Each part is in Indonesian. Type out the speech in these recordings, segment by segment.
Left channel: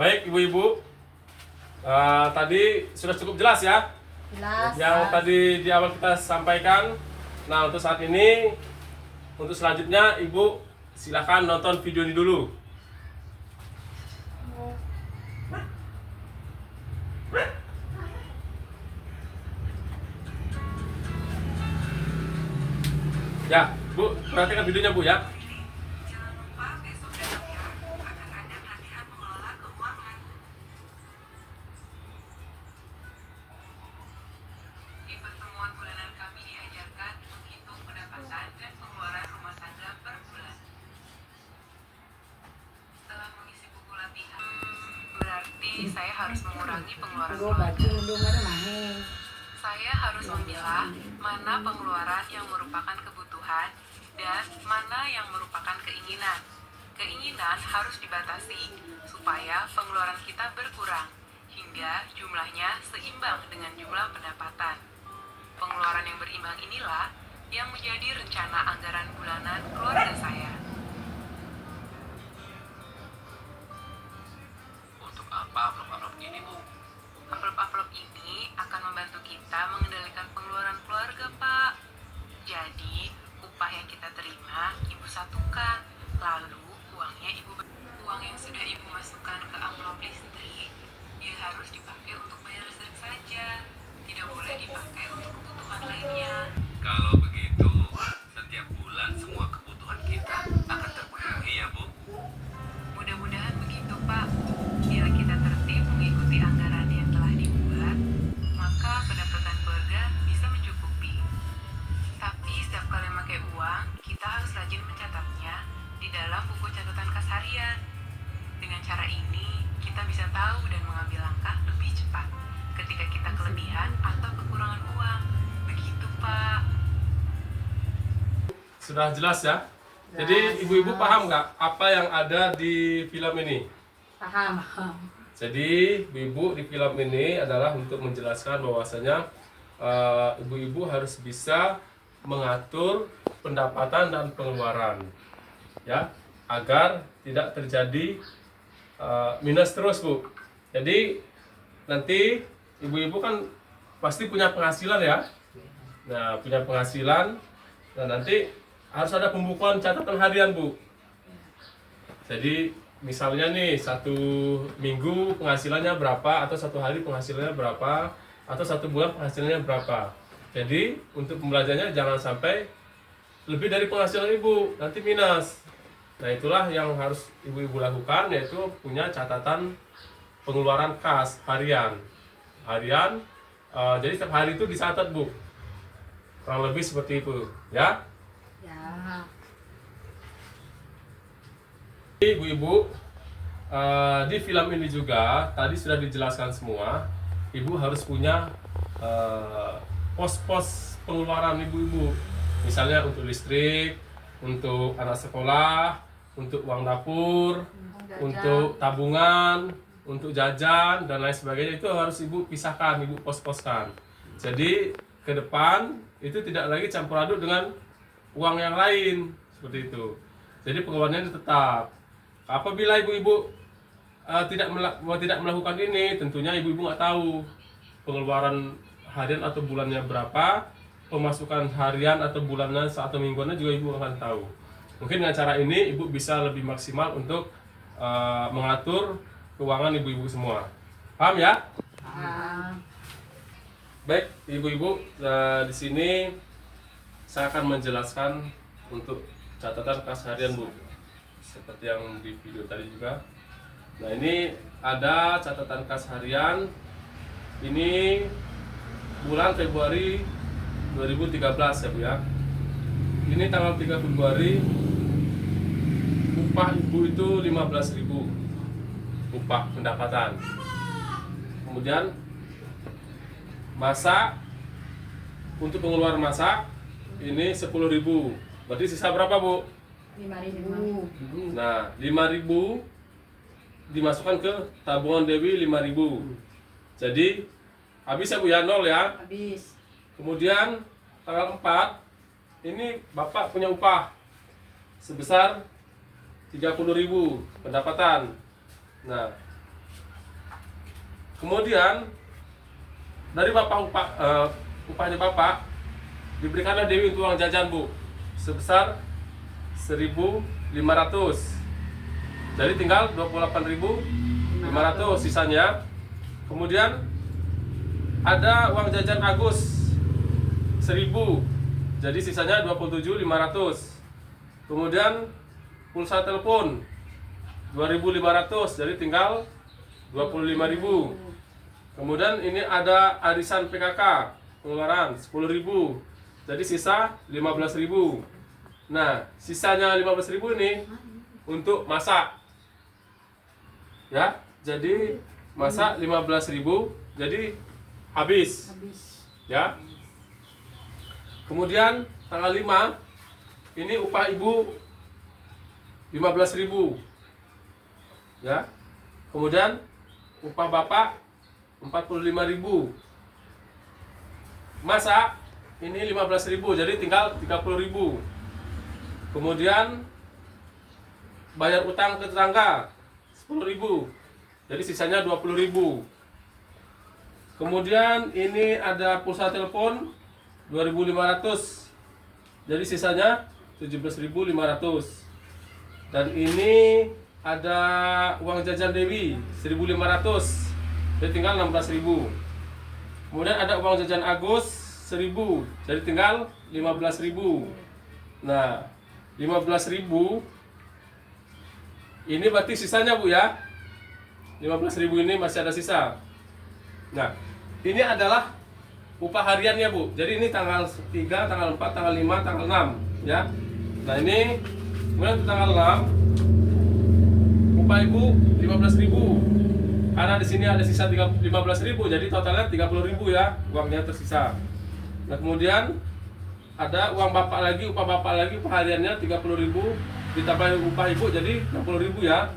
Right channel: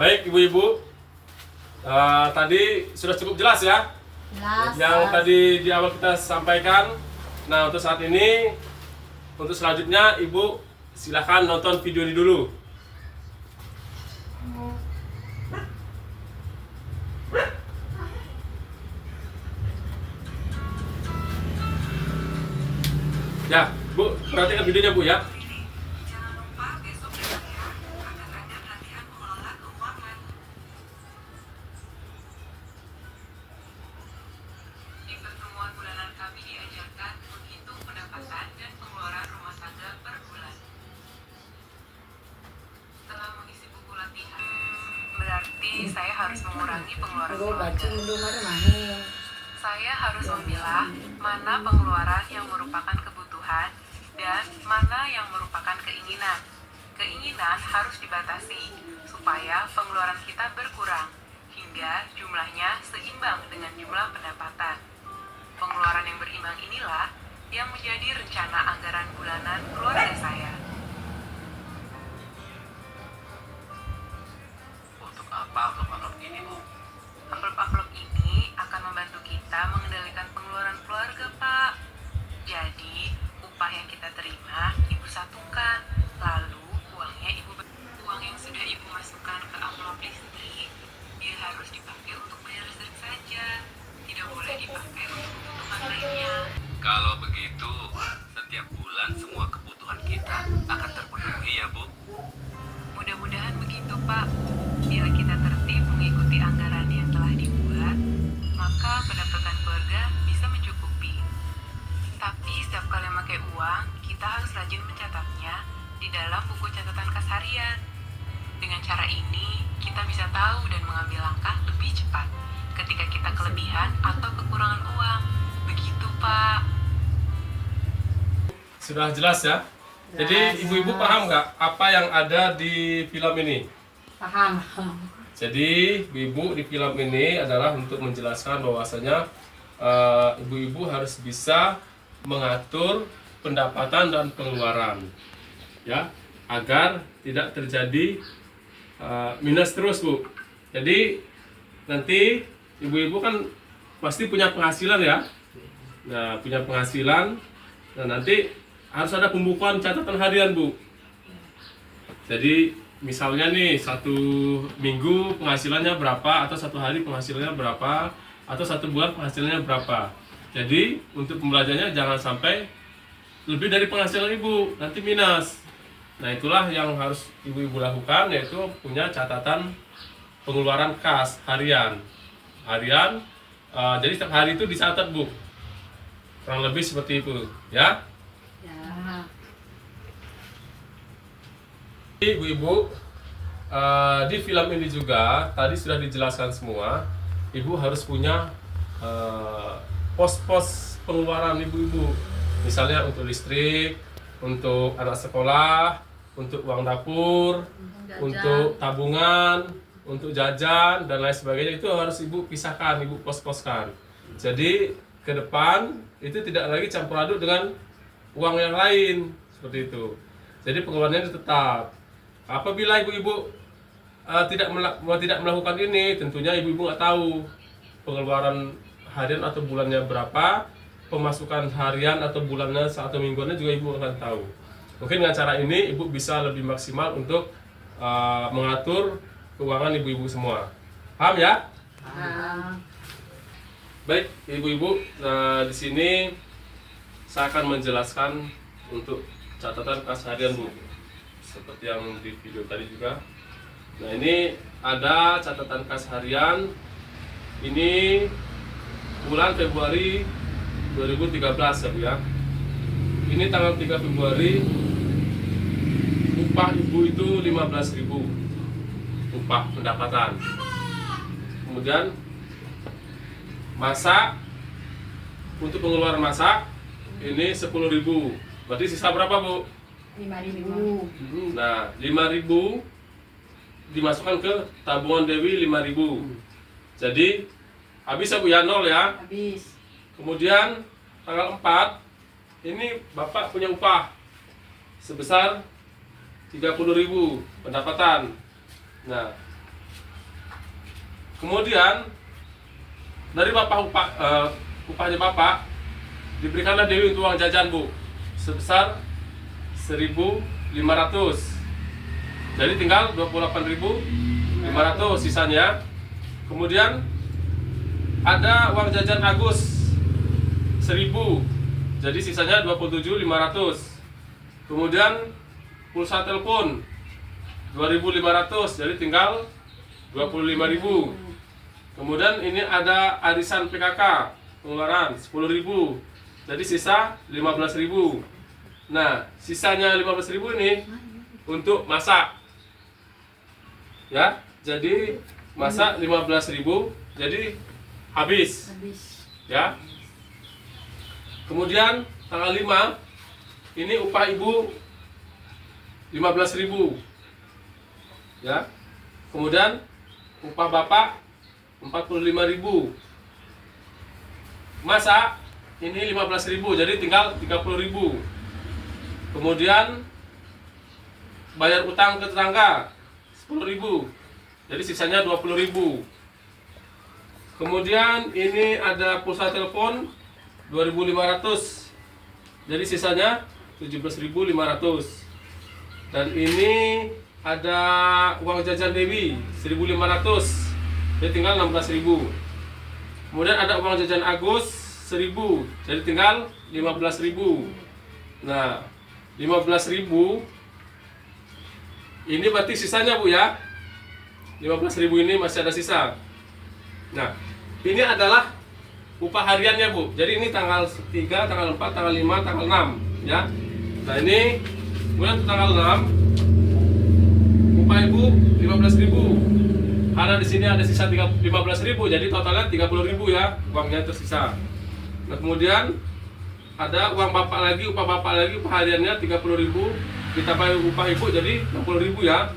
Baik ibu-ibu, tadi sudah cukup jelas ya Jelas. yang tadi di awal kita sampaikan. Nah untuk saat ini, untuk selanjutnya ibu silahkan nonton video ini dulu. Ya, Bu, perhatikan videonya Bu ya. Di pertemuan bulanan kami diajarkan menghitung pendapatan dan pengeluaran rumah tangga per bulan. Setelah mengisi buku latihan, berarti saya harus mengurangi pengeluaran keluarga. Saya harus memilah mana pengeluaran yang merupakan kebutuhan dan mana yang merupakan keinginan. Keinginan harus dibatasi supaya pengeluaran kita berkurang hingga jumlahnya seimbang dengan jumlah pendapatan. Pengeluaran yang berimbang inilah yang menjadi rencana anggaran bulanan keluarga saya. Untuk apa amplop-amplop ini, Bu? Amplop-amplop ini akan membantu kita mengendalikan pengeluaran keluarga, Pak. Jadi, upah yang kita terima, Ibu satukan. Lalu, uang yang sudah Ibu masukkan ke amplop listrik, dia harus dipakai untuk bayar listrik saja. Tidak boleh dipakai untuk kebutuhan lainnya. Kalau begitu, setiap bulan semua kebutuhan kita akan terpenuhi ya, Bu? Mudah-mudahan begitu, Pak. Bila kita tertib mengikuti anggaran yang telah dibuat, maka pendapatan keluarga bisa mencukupi. Tapi setiap kali memakai uang, kita harus rajin mencatatnya di dalam buku catatan kas harian. Dengan cara ini, kita bisa tahu dan mengambil langkah lebih cepat ketika kita kelebihan atau kekurangan uang. Begitu, Pak. Sudah jelas ya. Jadi ibu-ibu paham nggak apa yang ada di film ini? Paham. Jadi ibu-ibu di film ini adalah untuk menjelaskan bahwasanya ibu-ibu harus bisa mengatur pendapatan dan pengeluaran, ya, agar tidak terjadi minus terus, Bu. Jadi nanti ibu-ibu kan pasti punya penghasilan ya. Nah, punya penghasilan, nah nanti harus ada pembukuan catatan harian, Bu. Jadi misalnya nih satu minggu penghasilannya berapa, atau satu hari penghasilannya berapa, atau satu bulan penghasilannya berapa. Jadi untuk pembelajarannya jangan sampai lebih dari penghasilan ibu, nanti minus. Nah itulah yang harus ibu-ibu lakukan, yaitu punya catatan pengeluaran kas harian. Jadi setiap hari itu dicatat, Bu. Kurang lebih seperti itu, ya. Ya. Ibu-ibu, di film ini juga tadi sudah dijelaskan semua. Ibu harus punya pos-pos pengeluaran ibu-ibu. Misalnya untuk listrik, untuk anak sekolah, untuk uang dapur, untuk tabungan, untuk jajan dan lain sebagainya. Itu harus ibu pisahkan, ibu pos-poskan. Jadi ke depan itu tidak lagi campur aduk dengan uang yang lain, seperti itu. Jadi pengeluarannya itu tetap. Apabila ibu-ibu tidak melakukan ini, tentunya ibu-ibu nggak tahu pengeluaran harian atau bulannya berapa, pemasukan harian atau bulannya atau mingguannya juga ibu akan tahu. Mungkin dengan cara ini ibu bisa lebih maksimal untuk mengatur keuangan ibu-ibu semua. Paham ya? Paham. Baik, ibu-ibu, di sini saya akan menjelaskan untuk catatan kas harian, Bu. Seperti yang di video tadi juga. Nah, ini ada catatan kas harian. Ini bulan Februari 2013 ya, Bu ya. Ini tanggal 3 Februari, upah ibu itu 15.000 upah pendapatan. Kemudian masak, untuk pengeluaran masak ini 10.000. Berarti sisa berapa, Bu? 5.000. Nah, 5.000 dimasukkan ke tabungan Dewi 5.000. Jadi habis ya, Bu ya, 0 ya. Habis. Kemudian tanggal 4 ini Bapak punya upah sebesar 30.000 pendapatan. Nah, Kemudian dari upahnya Bapak diberikanlah Dewi untuk uang jajan, Bu, sebesar 1.500. Jadi tinggal 28.500 sisanya. Kemudian ada uang jajan Agus 1.000. Jadi sisanya 27.500. Kemudian pulsa telepon 2.500, jadi tinggal 25.000. Kemudian ini ada arisan PKK pengeluaran 10.000, jadi sisa 15.000. Nah, sisanya 15.000 ini untuk masak, ya. Jadi masak 15.000, jadi habis, ya. Kemudian tanggal 5 ini upah ibu 15.000, ya. Kemudian upah bapak 45.000. Masak ini 15.000, jadi tinggal 30.000. Kemudian bayar utang ke tetangga 10.000, jadi sisanya 20.000. Kemudian ini ada pulsa telepon 2.500, jadi sisanya 17.500. Dan ini ada uang jajan Dewi 1.500, jadi tinggal 16.000. Kemudian ada uang jajan Agus 1.000, jadi tinggal 15.000. Nah, 15.000 ini berarti sisanya, Bu, ya. 15.000 ini masih ada sisa. Nah, ini adalah upah hariannya, Bu. Jadi ini tanggal 3, tanggal 4, tanggal 5, tanggal 6, ya. Nah, ini kemudian untuk tanggal 6 upah Ibu 15.000. Karena di sini ada sisa 15.000, jadi totalnya 30.000, ya, uangnya tersisa. Nah, kemudian ada uang Bapak lagi, upah Bapak lagi, upah hariannya 30.000 ditambah upah Ibu jadi 60.000, ya.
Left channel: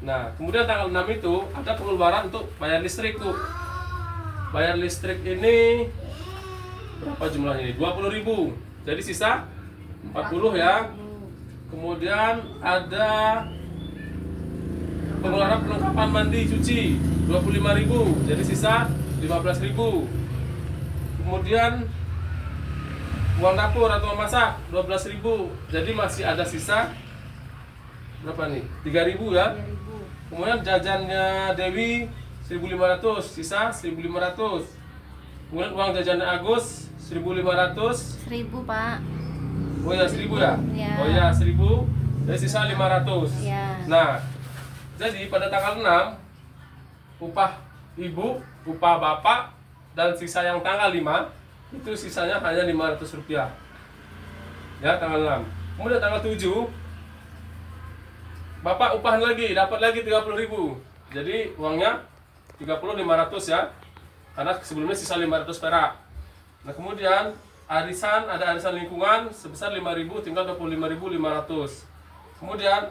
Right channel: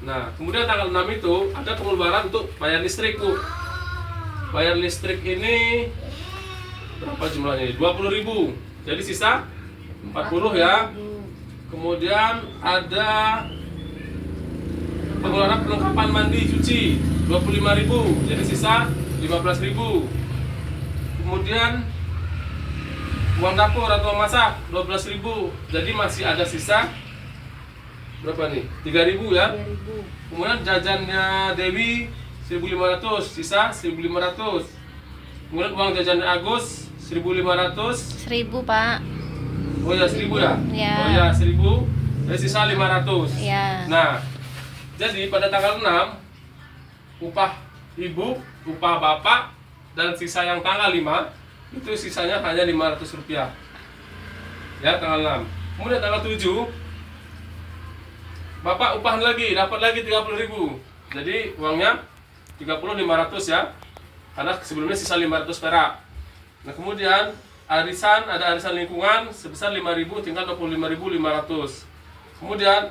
Nah, kemudian tanggal 6 itu ada pengeluaran untuk bayar listrik, Bu. Bayar listrik ini berapa jumlahnya? 20.000. Jadi sisa 40, ya. Kemudian ada pengeluaran perlengkapan mandi cuci 25.000. Jadi sisa 15.000. Kemudian uang dapur atau masak 12.000. Jadi masih ada sisa berapa nih? 3.000, ya. Kemudian jajannya Dewi 1.500, sisa 1.500. Kemudian uang jajan Agus 1.500. 1.000, Pak. Oh ya, 1.000, ya? Ya. Oh ya, 1.000. Jadi sisa 500. Ya. Nah, jadi pada tanggal 6 upah ibu, upah bapak, dan sisa yang tanggal 5 itu sisanya hanya Rp500. Ya, tanggal 6. Kemudian tanggal 7 bapak upahan lagi, dapat lagi 30.000. Jadi uangnya 30.500, ya. Karena sebelumnya sisa 500 perak. Nah, kemudian ada arisan lingkungan sebesar 5.000, tinggal 25.500. Kemudian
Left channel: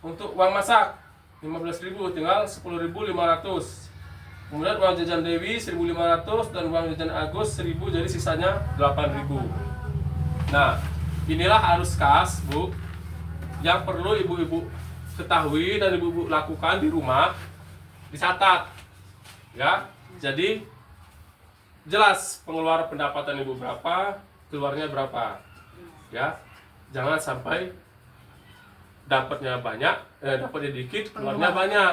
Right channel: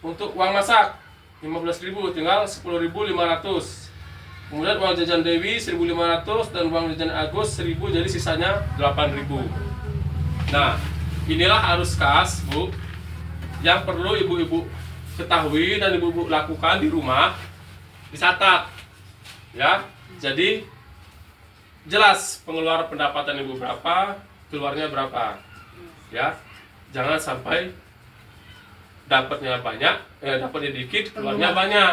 untuk uang masak 15.000, tinggal 10.500. Kemudian uang jajan Dewi 1.500 dan uang jajan Agus 1.000, jadi sisanya 8.000. Nah, inilah arus kas, Bu, yang perlu ibu-ibu ketahui dan ibu-ibu lakukan di rumah, dicatat, ya. Jadi jelas pengeluaran pendapatan ibu berapa, keluarnya berapa, ya. Jangan sampai dapatnya banyak, dapatnya dikit, keluarnya banyak,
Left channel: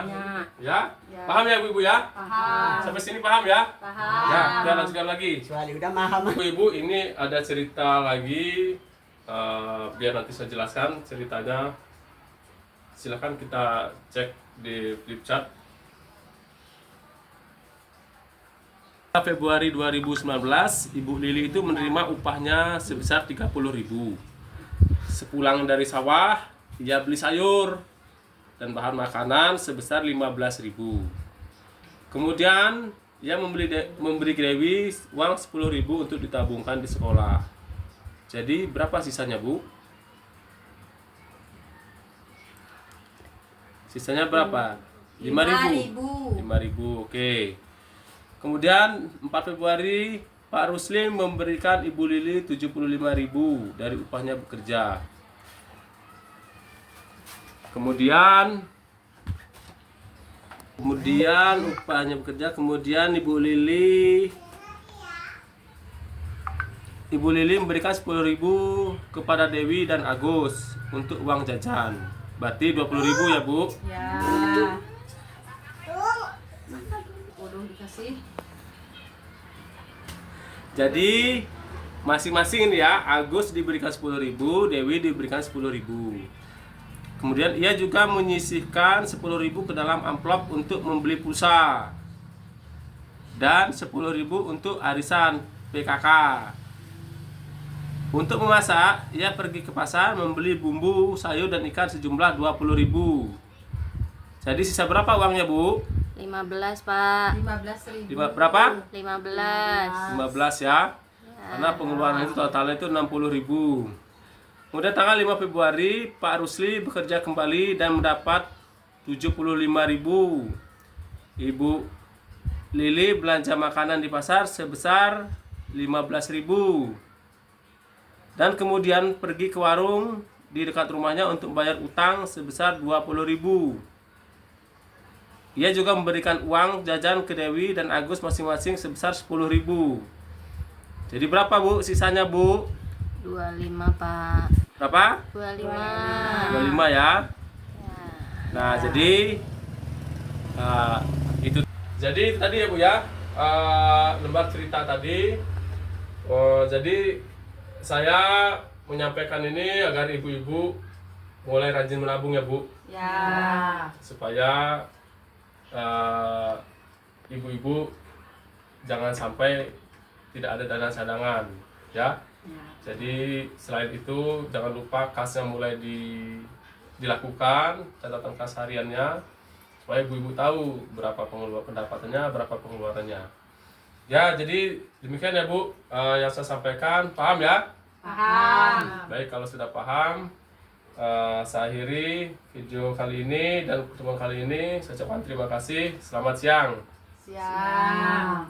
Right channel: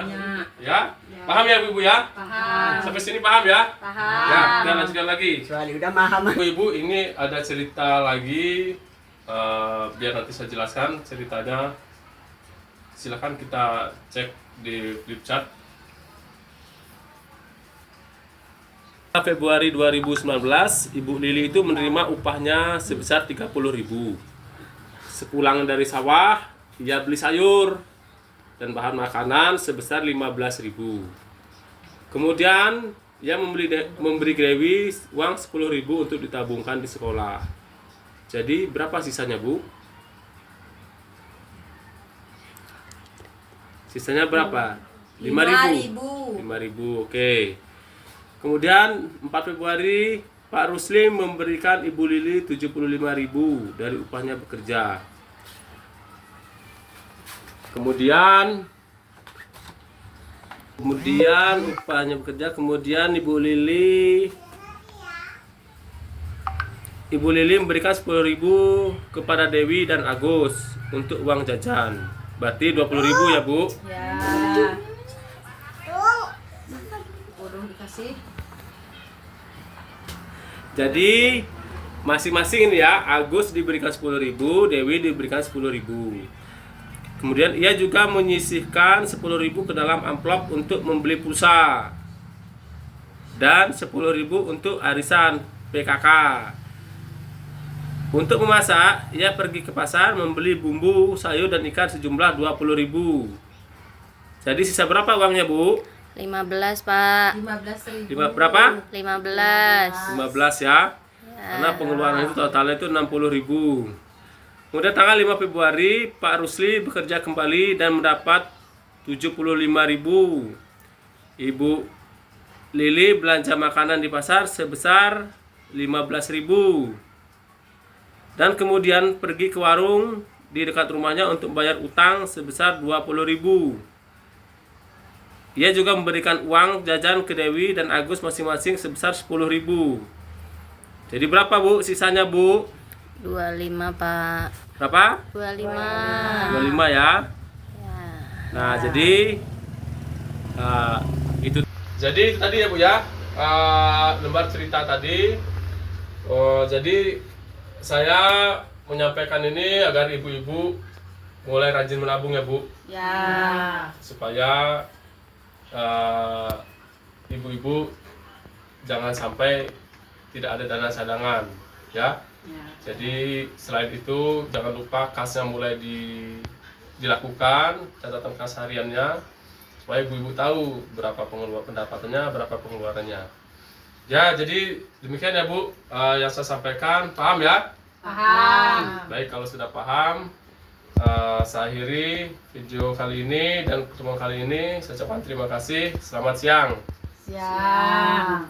ya. Paham ya, ibu, ya? Paham. Sampai sini paham, ya? Paham. Ya, kita lanjutkan lagi. Kecuali udah paham. Ibu, ini ada cerita lagi, biar nanti saya jelaskan ceritanya. Silakan kita cek di flip chart. Februari 2019, Ibu Lili itu menerima upahnya sebesar 30.000. Sepulang dari sawah, ia beli sayur dan bahan makanan sebesar 15.000. Kemudian ia memberi Dewi uang 10.000 untuk ditabungkan di sekolah. Jadi berapa sisanya, Bu? Sisanya berapa? 5.000. 5.000, oke. Kemudian 4 Februari Pak Ruslim memberikan Ibu Lili 75.000 dari upahnya bekerja. Kemudian Kemudian upahnya bekerja, kemudian Ibu Lili memberikan 10.000 kepada Dewi dan Agus untuk uang jajan. Berarti 20.000 ya, Bu. Ya. Udah dikasih. Jadi masing-masing ini ya, Agus diberikan 10.000, Dewi diberikan 10.000. Kemudian ia juga menyisihkan 10.000 ke dalam amplop untuk membeli pulsa dan 10.000 untuk arisan PKK. Untuk memasak, ia pergi ke pasar membeli bumbu, sayur dan ikan sejumlah 20.000. Jadi sisa berapa uangnya, Bu? 15, Pak. 15.000. Berapa? 15. 15 ya. Karena pengeluaran itu totalnya itu 60.000. Kemudian tanggal 5 Februari, Pak Rusli bekerja kembali dan mendapat 75.000. Ibu Lili belanja makanan di pasar sebesar 15.000. Dan kemudian pergi ke warung di dekat rumahnya untuk bayar utang sebesar 20.000. Ia juga memberikan uang jajan ke Dewi dan Agus masing-masing sebesar 10.000. Jadi berapa, Bu, sisanya, Bu? 25, Pak. Berapa? 25. 25 ya. Nah, jadi itu. Jadi tadi ya, Bu ya, lembar cerita tadi. Jadi saya menyampaikan ini agar ibu-ibu mulai rajin menabung ya, Bu. Ya. Supaya ibu-ibu jangan sampai tidak ada dana cadangan, ya. Ya. Jadi selain itu jangan lupa kasnya mulai dilakukan, catatan kas hariannya, supaya ibu-ibu tahu berapa pendapatannya, berapa pengeluarannya. Ya, jadi demikian ya, Bu, yang saya sampaikan. Paham ya? Paham. Baik, kalau sudah paham, saya akhiri video kali ini dan pertemuan kali ini. Saya ucapkan terima kasih. Selamat siang. Siang.